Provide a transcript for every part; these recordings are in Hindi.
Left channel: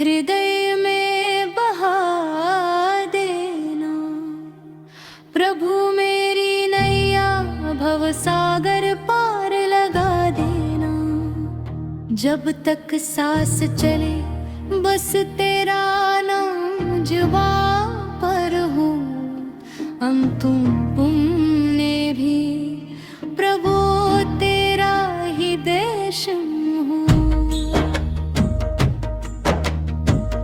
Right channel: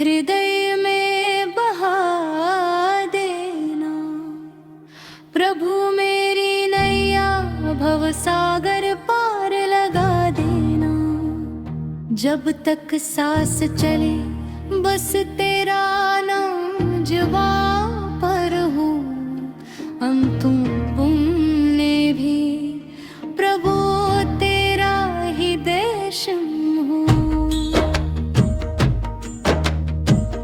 हृदय में बहा देना। प्रभु मेरी नैया भव सागर पार लगा देना। जब तक सांस चले बस तेरा नाम जुबां पर हो। अंतुम पुण्य भी प्रभु तेरा ही देश हो।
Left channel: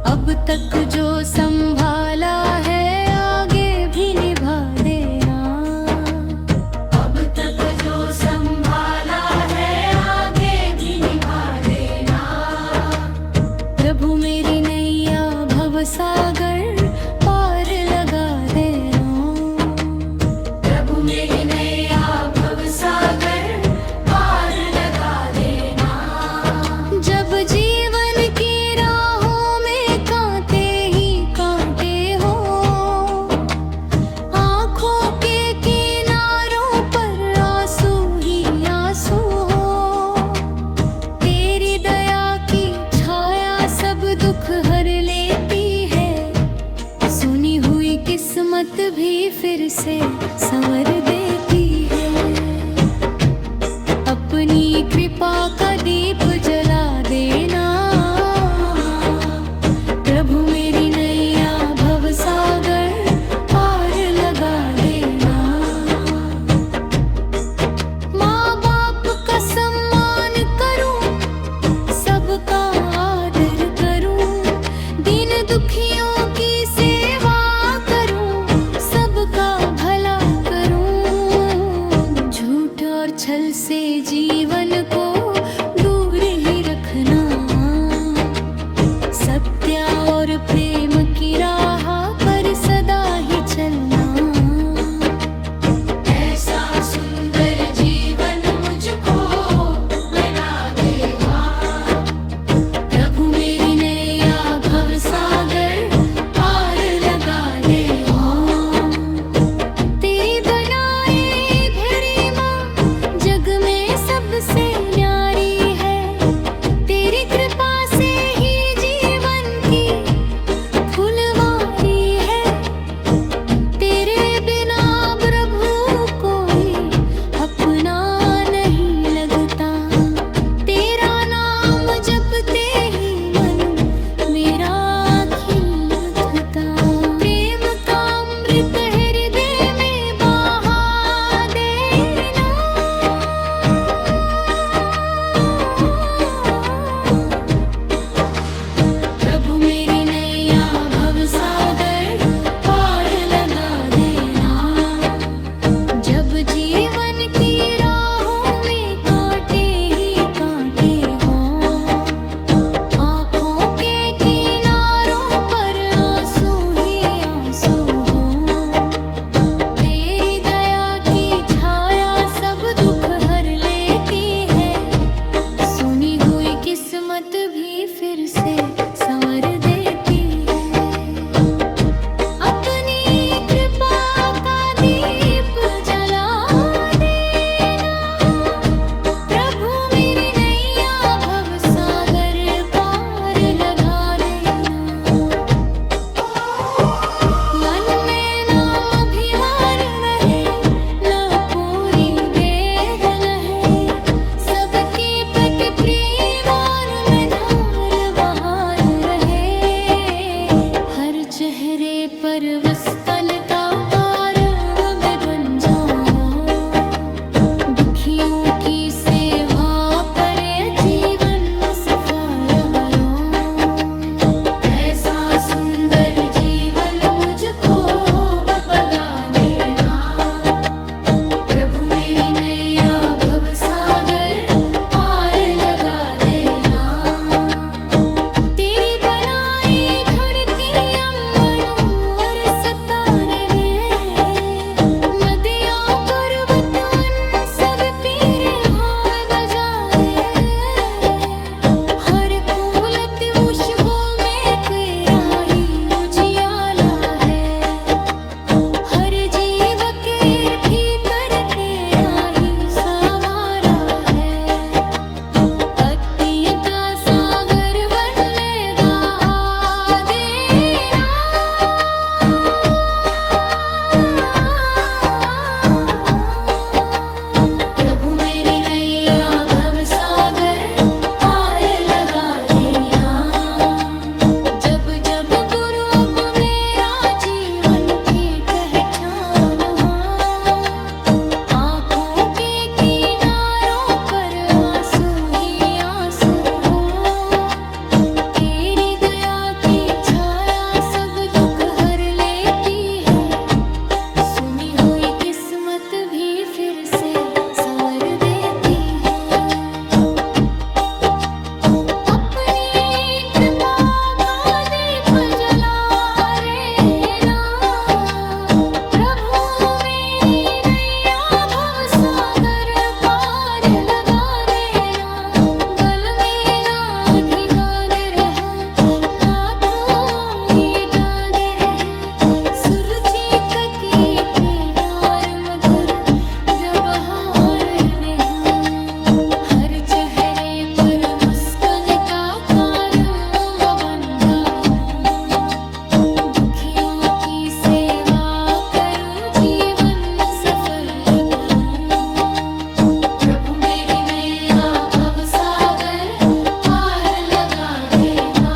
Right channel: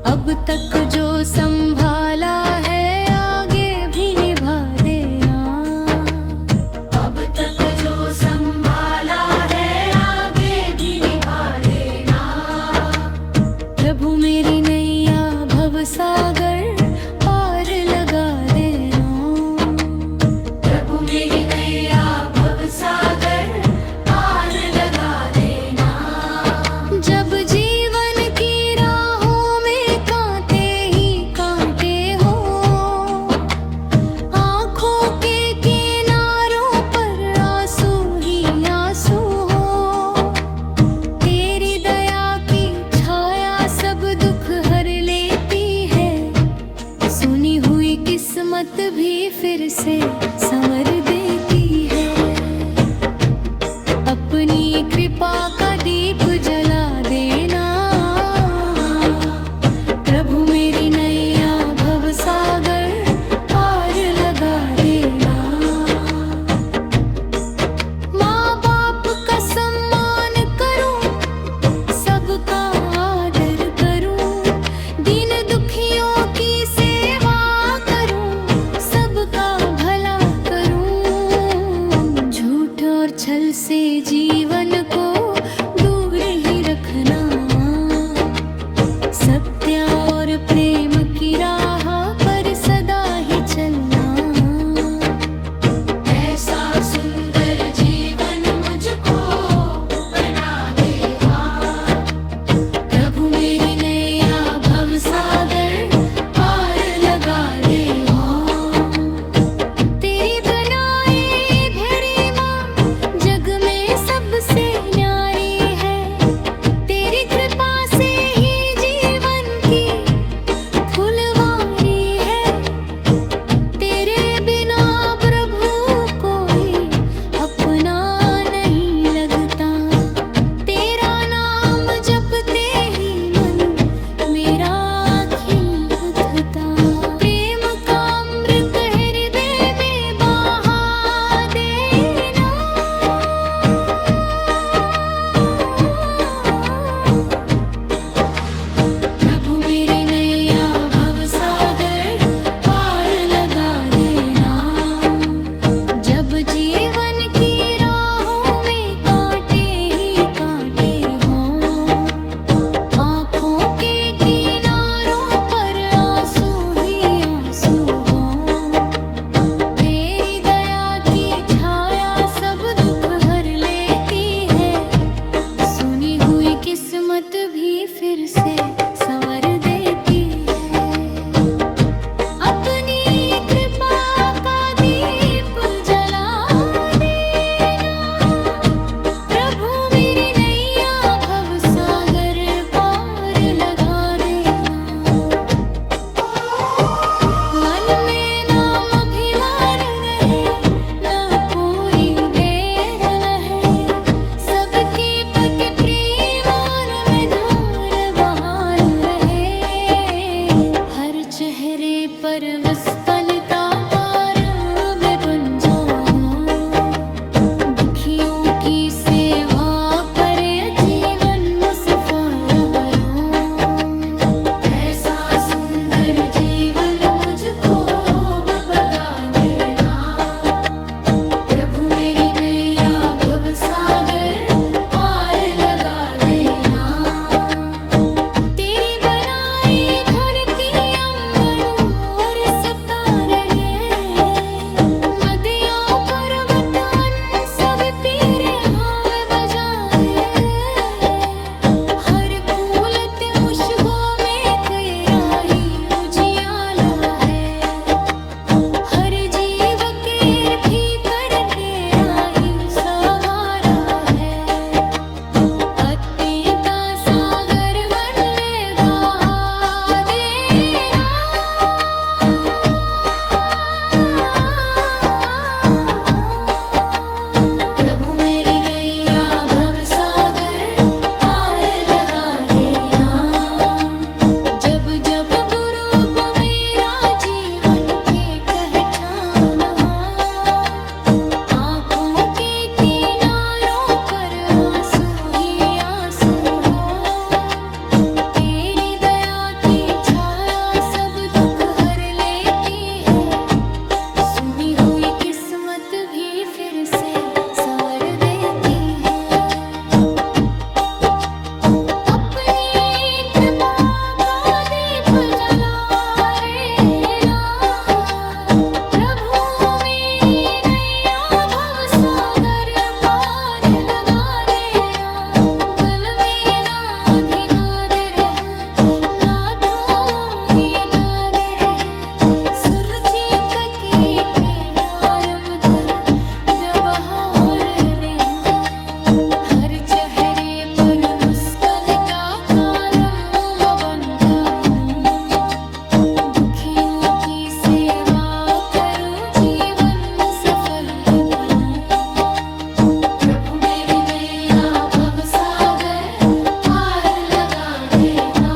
अब तक जो संभाला है आगे भी निभा देना। अब तक जो संभाला है आगे भी निभा देना। प्रभु मेरी नैया भव सागर पार लगा देना। प्रभु मेरी नैया भव सागर पार लगा देना। जब जीवन की राहों में कांटे ही कांटे हो, आँखों के किनारों पर आंसू ही आंसू हो, तेरी दया की छाया सब दुख हर लेती है। सुनी हुई किस्मत भी फिर से संवर देती है। अपनी कृपा का दीप जला देना। प्रभु मेरी नैया भव सागर पार लगा देना। माँ बाप का सम्मान करूं, सबका आदर करूं, दीन दुखियों की सेवा करूं, सबका भला करूं। झूठ और छल से जीवन को दूर ही रखना। सत्य और प्रेम की राह पर सदा ही चलना। ऐसा सुंदर जीवन मुझको बना दे माँ। प्रभु मेरी नैया भव सागर पार लगा दे माँ। तेरी बनाई भरी माँ जग में सबसे न्यारी है। तेरी कृपा से ही जीवन की फुलवारी है। तेरे बिना प्रभु कोई अपना नहीं लगता। तेरा नाम जपते ही मन मेरा खिल उठता। प्रेम का अमृत हृदय में बहा देना। प्रभु मेरी नैया भव सागर पार लगा देना। जब जीवन की राहों में कांटे ही कांटे हों, आँखों के किनारों पर आंसू ही आंसू हों, तेरी दया की छाया सब दुख हर लेती है। सुनी हुई किस्मत भी फिर से संवर देती है। अपनी कृपा का दीप जला देना। प्रभु मेरी नैया भव सागर पार लगा देना। मन में नाम अभिमान रहे, न पूरी देर रहे, सबके प्रति प्रेम और में धार बहार रहे। हर चेहरे पर वस्तन का आरव में बन जाऊं, दुखियों की सेवा करे जीवन मुसफर हरों। ऐसा सुंदर जीवन मुझको बता देना। प्रभु मेरी नैया भव सागर पार लगा देना। तेरी बनाई धरती अंबर और सितारे जब जब गुरु अब मेरा जीवन की पहचान हो, आंखों के किनारों पर आंसू ही आंसू हो। तेरी दया की छाया सब दुख हर लेती है, सुनी हुई किस्मत भी फिर से संवर देती है। हर चेहरे पर मुस्कान का कारण मैं बन जाऊं, दुखियों की सेवा करूं, जीवन सफल बनूं। प्रभु मेरी नैया भव सागर पार लगा देना,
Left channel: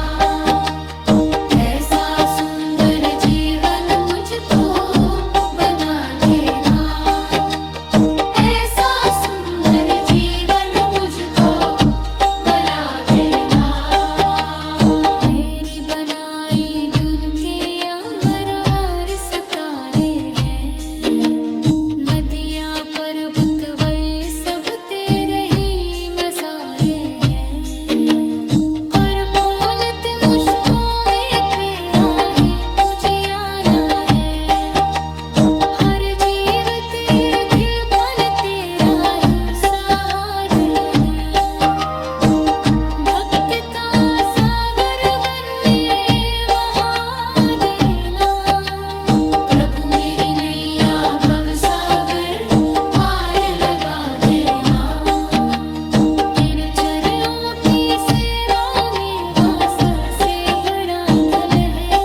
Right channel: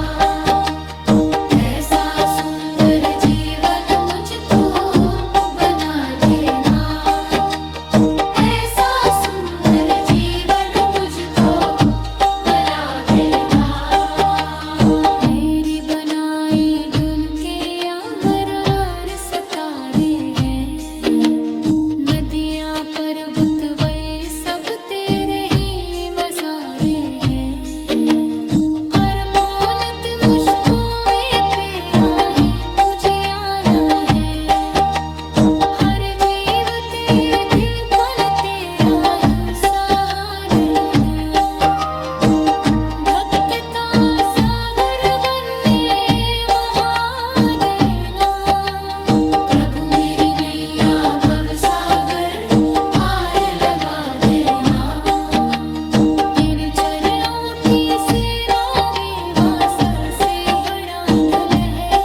ऐसा सुंदर जीवन मुझको बना देना। नदियाँ पर्वत वे सब तेरे ही मसारे हैं, हर फूलत मुझको में पेरा है मुझे आना है। हर जीव तेरे खिलपन तेरा ही सहारे है, भक्ति सागर बनने महादेना। प्रभु मेरी नैया भव सागर पार लगा देना, इन चरणों की सेवा में वासा से बड़ा धन है।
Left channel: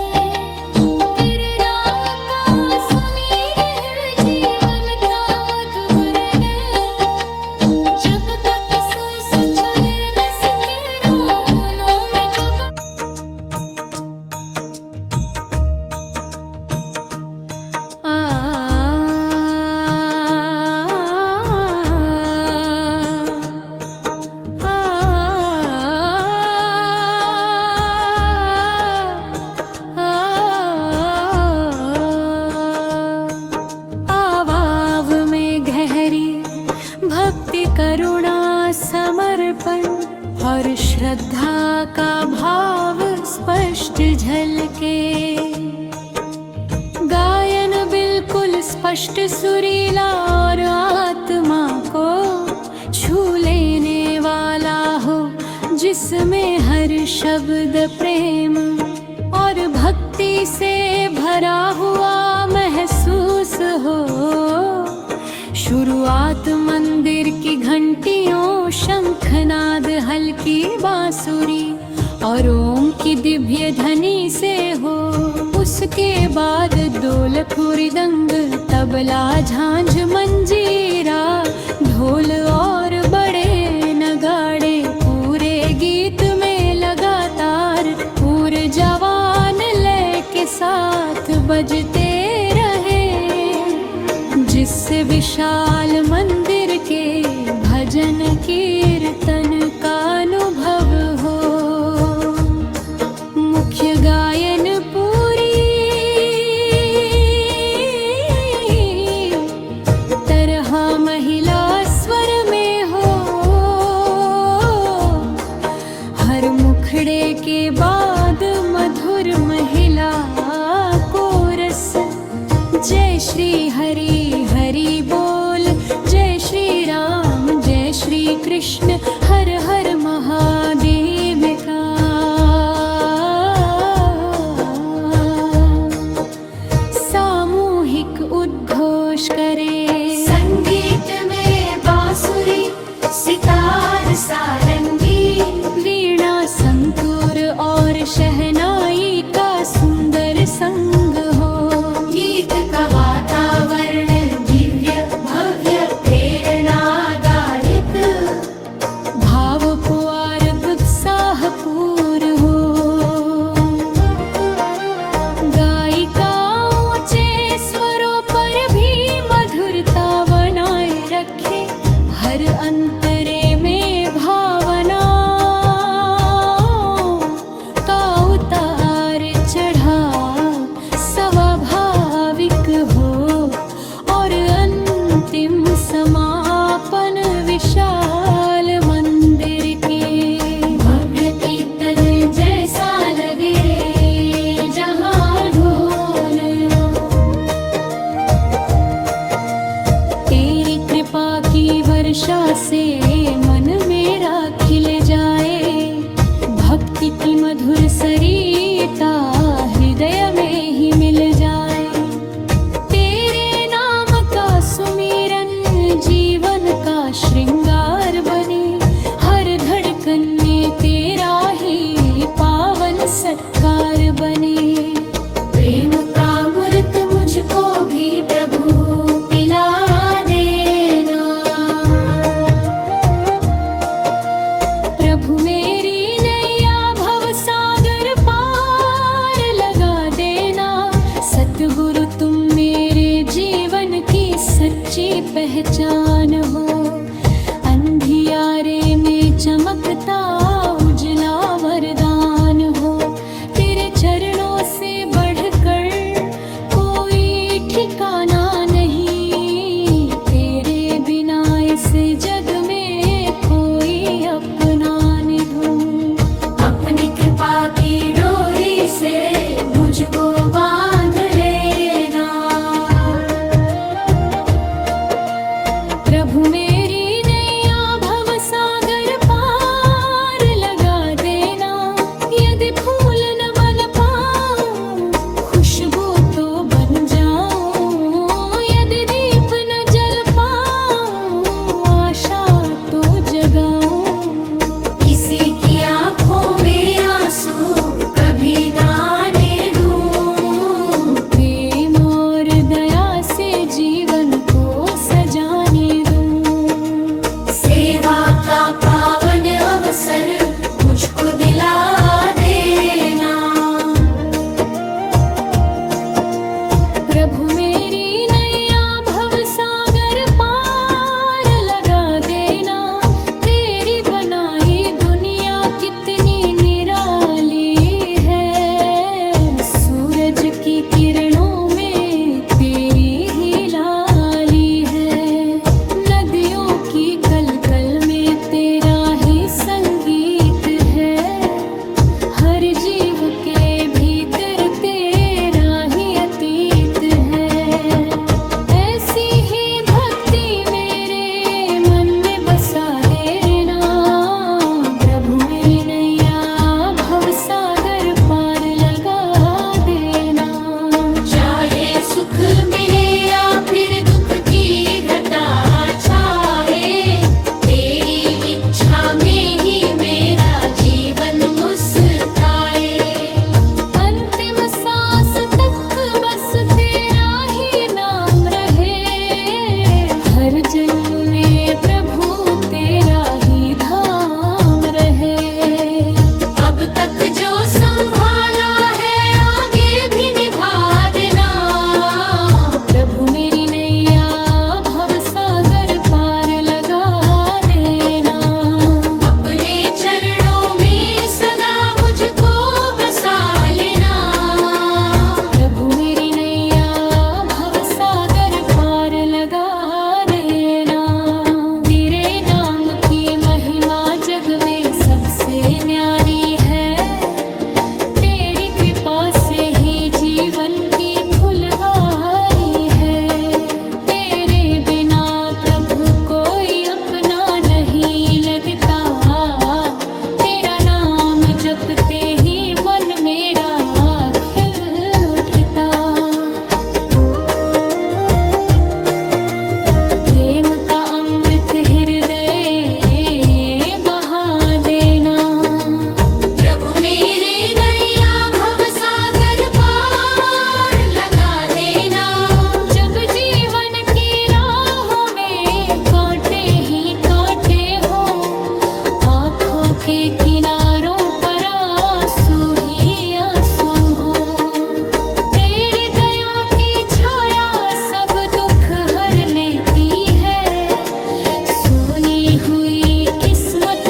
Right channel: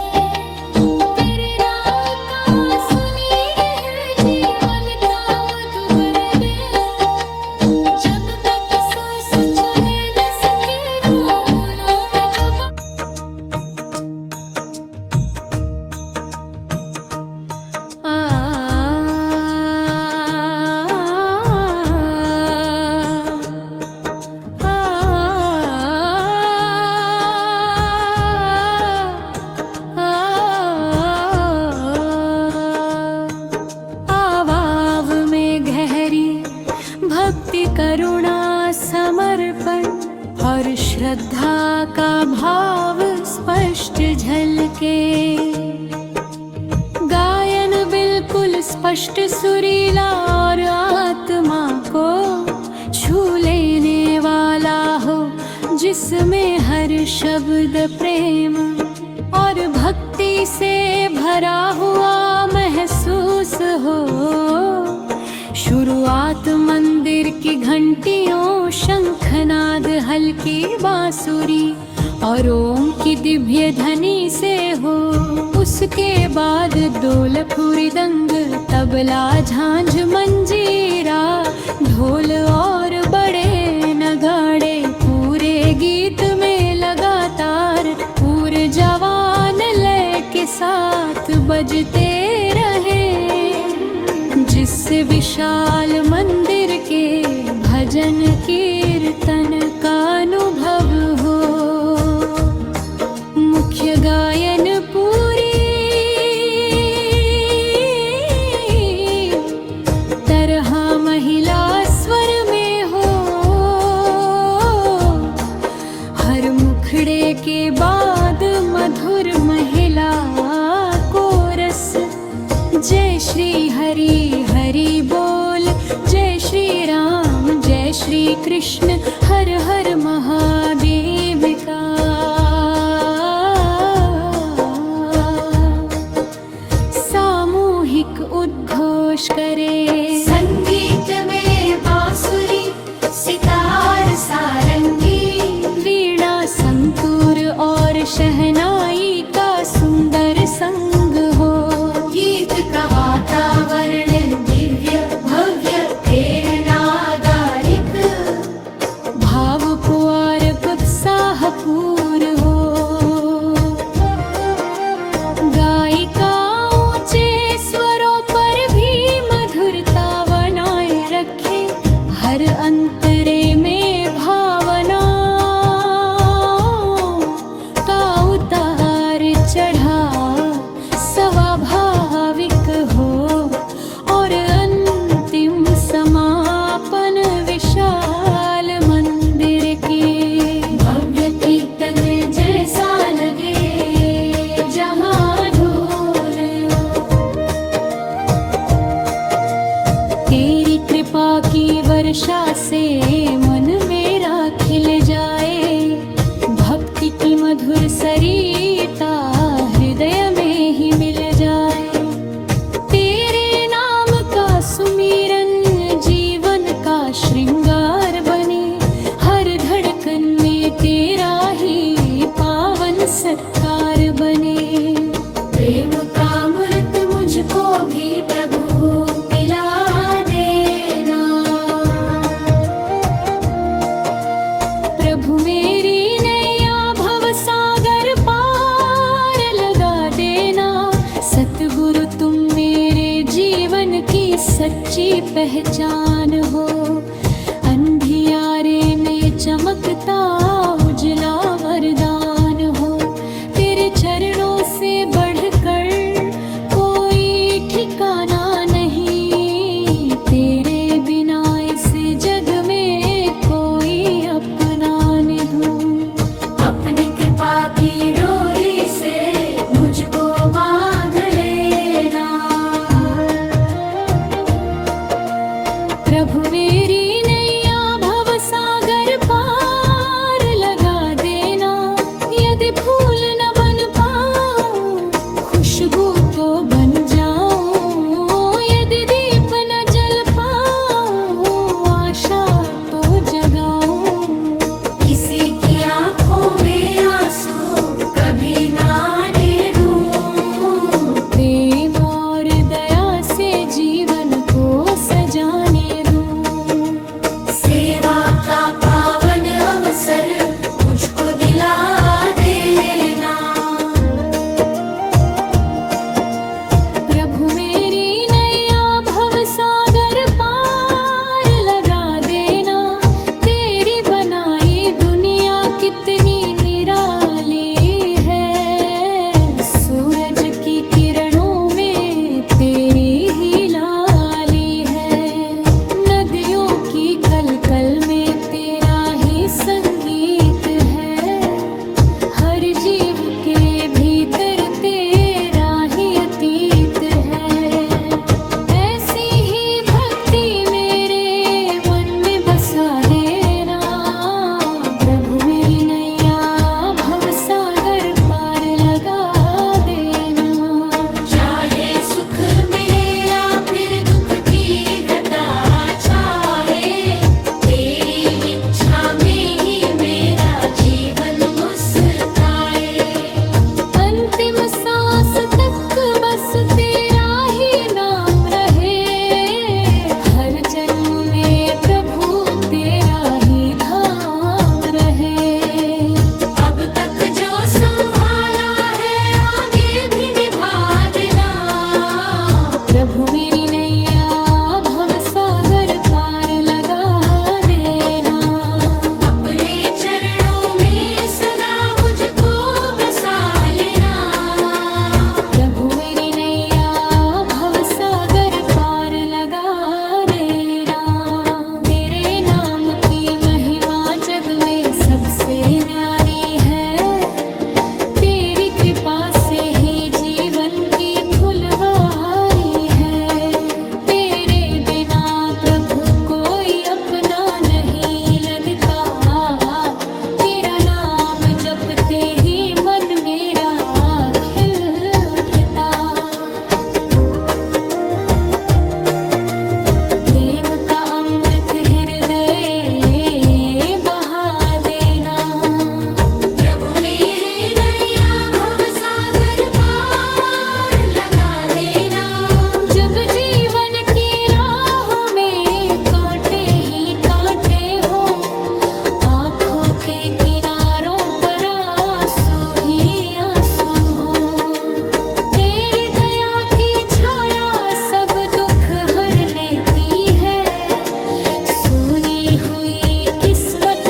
तेरे नाम का सुनीर है जीवन का मधुबर दे, जब तक सांस चले न सके रोना में डूबा। भक्ति करुणा समर्पण और श्रद्धा का भाव स्पष्ट झलके, गायन बिल्कुल स्पष्ट सुरीला और आत्मा को छू लेने वाला हो, जिसमें हर शब्द प्रेम और भक्ति से भरा हुआ महसूस हो। शुरुआत मंदिर की घंटियों, शंखनाद, हल्की बांसुरी और ओम की दिव्य ध्वनि से हो। उसके बाद ढोल फुरिदंग, तबला, झांझ, मंजीरा, ढोल और बड़े नगाड़े पूरे गीत में लगातार ऊर्जावान लय के साथ बजते रहे, जिससे विशाल मंदिर के भजन कीर्तन का अनुभव हो। मुख्य गायन पूरी तरह महिला स्वर में हो, हर मुखड़े के बाद मधुर महिला कोरस। जय श्री हरि हरि बोल, जय श्री राम जय श्री कृष्ण, हर हर महादेव का सामूहिक उद्घोष करे। संगीत में बांसुरी, सितार, सारंगी, वीणा, संतूर और शहनाई का सुंदर संग हो। गीत का वातावरण दिव्य भव्य प्रेरणादायक, भावपूर्ण उत्साहपूर्ण हो। अंतरे में भावना का उतार चढ़ाव स्वाभाविक हो और अंतिम समापन विशाल मंदिर के भव्य कीर्तन जैसा लगे जहाँ ढोल तेरी कृपा की वर्षा से मन मेरा खिल जाए, भक्ति की मधुर सरिता हृदय में ही मिल जाए। तेरे नाम का सुमिरन जीवन का श्रृंगार बने, हर धड़कन में तेरा ही पावन सत्कार बने। प्रेम का अमृत मुझको भी प्रभु पिला देना। प्रभु मेरी नैया भव सागर पार लगा देना। सतगुरु तुम मेरे जीवन की सच्ची पहचान हो, अंधियारे में चमकता उजला वरदान हो। तेरे चरणों से बढ़कर कोई ठिकाना नहीं, तेरे बिना इस जग में कोई अपना न दूं। अपनी कृपा की डोरी से मुझको बांध लेना। प्रभु मेरी नैया भव सागर पार लगा देना। यदि फूल न बन पाऊं खुशबू तो बन जाऊं, यदि दीप न जल पाऊं आशा तो जगाऊं। किसी की आंखों में आंसू कभी ना आने दूं। प्रेम और दया से जीवन को सजाने दूं। सेवा का पावन अवसर मुझको दिला देना। प्रभु मेरी नैया भव सागर पार लगा देना। तेरी बनाई दुनिया कितनी निराली है, सूरज की किरणों में तेरी ही लाली है। नदियों की कलकल में तेरा ही संगीत है, हर जीव के भीतर तेरा ही अतीत है। ऐसी ही भक्ति मेरे मन में बसा देना। प्रभु मेरी नैया भव सागर पार लगा देना। चाहे सुख मिले या फिर दुख की घटा छाए, तेरी इच्छा में ही मेरा जीवन मुस्काए। अंतिम सांस तक बस तेरा ही नाम रहे, हर जन्म में प्रभु तेरा ही धाम रहे। अब तक जो संभाला है आगे भी निभा देना। प्रभु मेरी नैया भव सागर पार लगा देना। अपने चरणों में सदा मुझको बसा लेना। प्रभु मेरी नैया भव सागर पार लगा देना। तेरे नाम की महिमा जग में सबसे न्यारी है, तेरी कृपा से ही जीवन की फुलवारी है। तेरे बिना प्रभु कोई अपना नहीं लगता, तेरा नाम जपते ही मन मेरा खिल उठता। प्रेम का अमृत हृदय बहा देना। प्रभु मेरे नैया भव सागर पार लगा देना। जब जीवन की राहों में कांटे ही कांटे हो, आँखों के किनारों पर आंसू ही आंसू हो, तेरी दया की छाया सब दुख हर लेती है। सूनी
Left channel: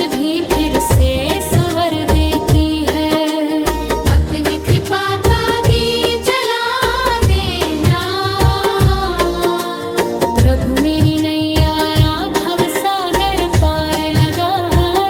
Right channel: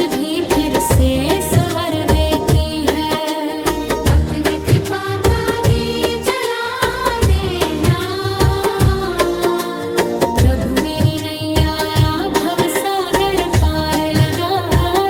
भी फिर से संवर देती है। अपनी कृपा का दीप जला देना। प्रभु मेरी नैया भव सागर पार लगा है।